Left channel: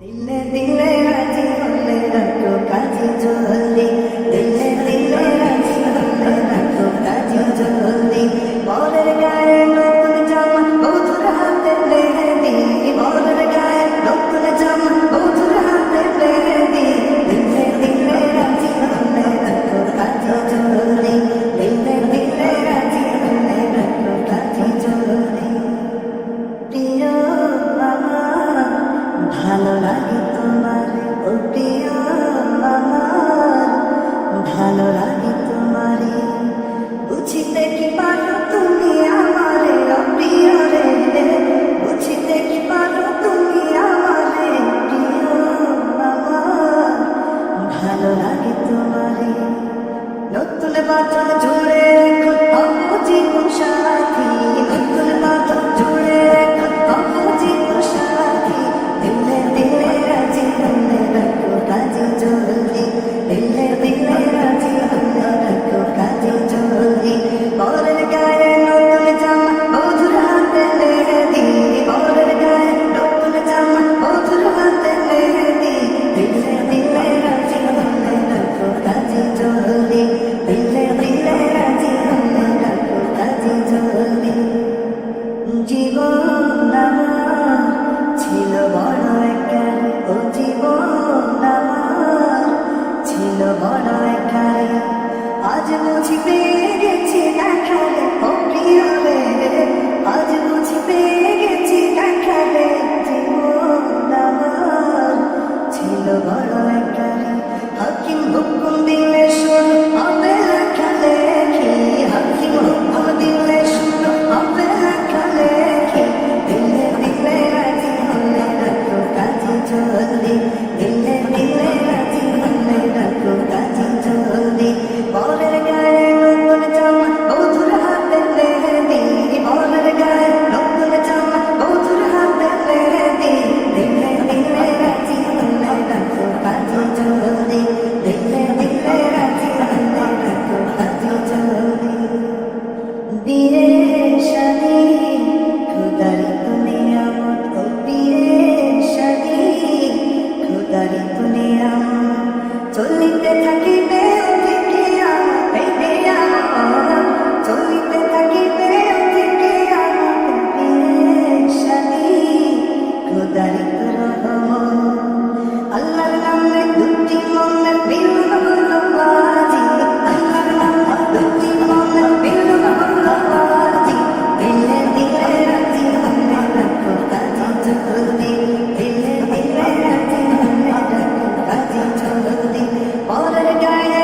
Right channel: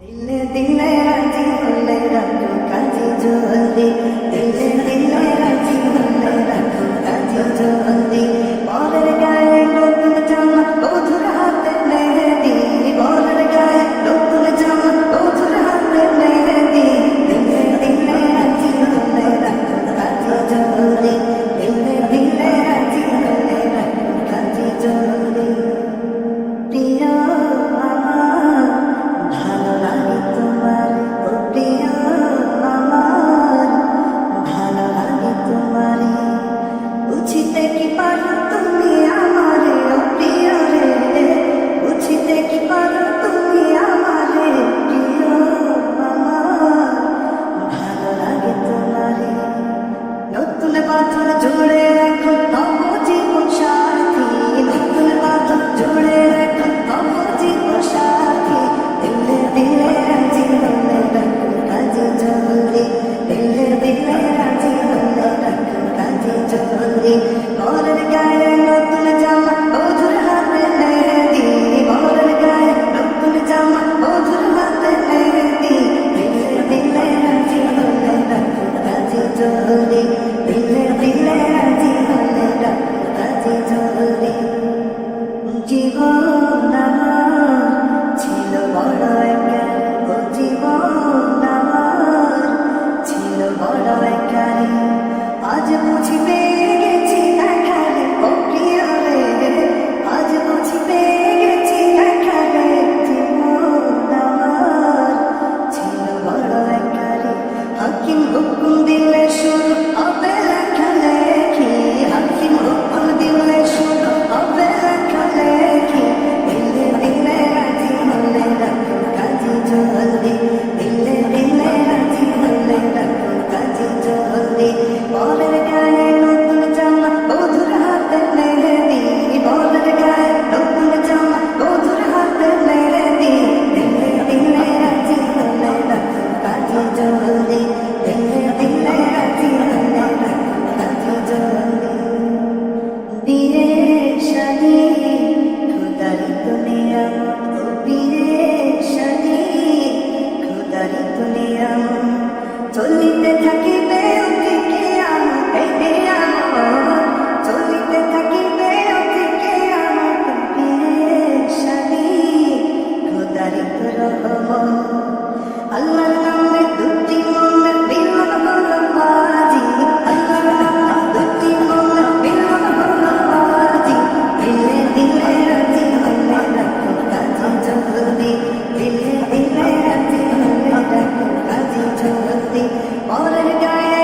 দিলে দিলে রাজি হলে রাখো কাজী জলদি, দিলে দিলে রাজি হলে রাখো কাজী জলদি। বরের গায়ে নতুন জামা বধুর হাতে মেহেদি, বরের গায়ে নতুন জামা বধুর হাতে মেহেদি। দিলে দিলে রাজি হলে রাখো কাজী জলদি, দিলে দিলে রাজি হলে রাখো কাজী জলদি। প্রিয় আমার ভালো লাগে তোমার, ও প্রিয় আমার ভালো লাগে তোমারে। বুঝিতে কি পারো তুমি আমারে, ও প্রিয় রে, বুঝিতে কি পারো তুমি আমারে। প্রিয় আমার ভালো লাগে তোমারে। নতুন বাঁধন জুড়ে এখন হব জীবন সাথী, নতুন বাঁধন জুড়ে এখন হব জীবন সাথী। দিলে দিলে রাজি হলে রাখো কাজী জলদি, দিলে দিলে রাজি হলে রাখো কাজী জলদি। বরের গায়ে নতুন জামা বধুর হাতে মেহেদি, বরের গায়ে নতুন জামা বধুর হাতে মেহেদি। দিলে দিলে রাজি হলে রাখো কাজী জলদি, দিলে দিলে রাজি হলে রাখো কাজী জলদি। জীবন আমার ছিল বড় একারে, ও জীবন আমার ছিল বড় একারে। আজ বুঝি পেয়ে গেছি দেখালে, ও প্রিয় রে, আজ বুঝি পেয়ে গেছি দেখালে। জীবন আমার ছিল বড় একারে। হাকিম হুকুম দিলে শুরু হবে লেখালেখি, হাকিম হুকুম দিলে শুরু হবে লেখালেখি। দিলে দিলে রাজি হলে রাখো কাজী জলদি, দিলে দিলে রাজি হলে রাখো কাজী জলদি। বরের গায়ে নতুন জামা বধুর হাতে মেহেদি, বরের গায়ে নতুন জামা বধুর হাতে মেহেদি। দিলে দিলে রাজি হলে রাখো কাজী জলদি, দিলে দিলে রাজি হলে রাখো কাজী জলদি। বিয়ে শাদী খুদারি তো নিয়ামত, ও বিয়ে শাদী খুদারি তো নিয়ামত। চলিতে থাকিবে অতি কিয়ামত, এই কিয়ামত চলিতে থাকিবে অতি কিয়ামত। বিয়ে শাদী খুদারি তো রহমত। আল্লাহর নামে দুটি মনের মিলন হলো আজি, আল্লাহর নামে দুটি মনের মিলন হলো আজি। দিলে দিলে রাজি হলে রাখো কাজী জলদি, দিলে দিলে রাজি হলে রাখো কাজী জলদি। বরের গায়ে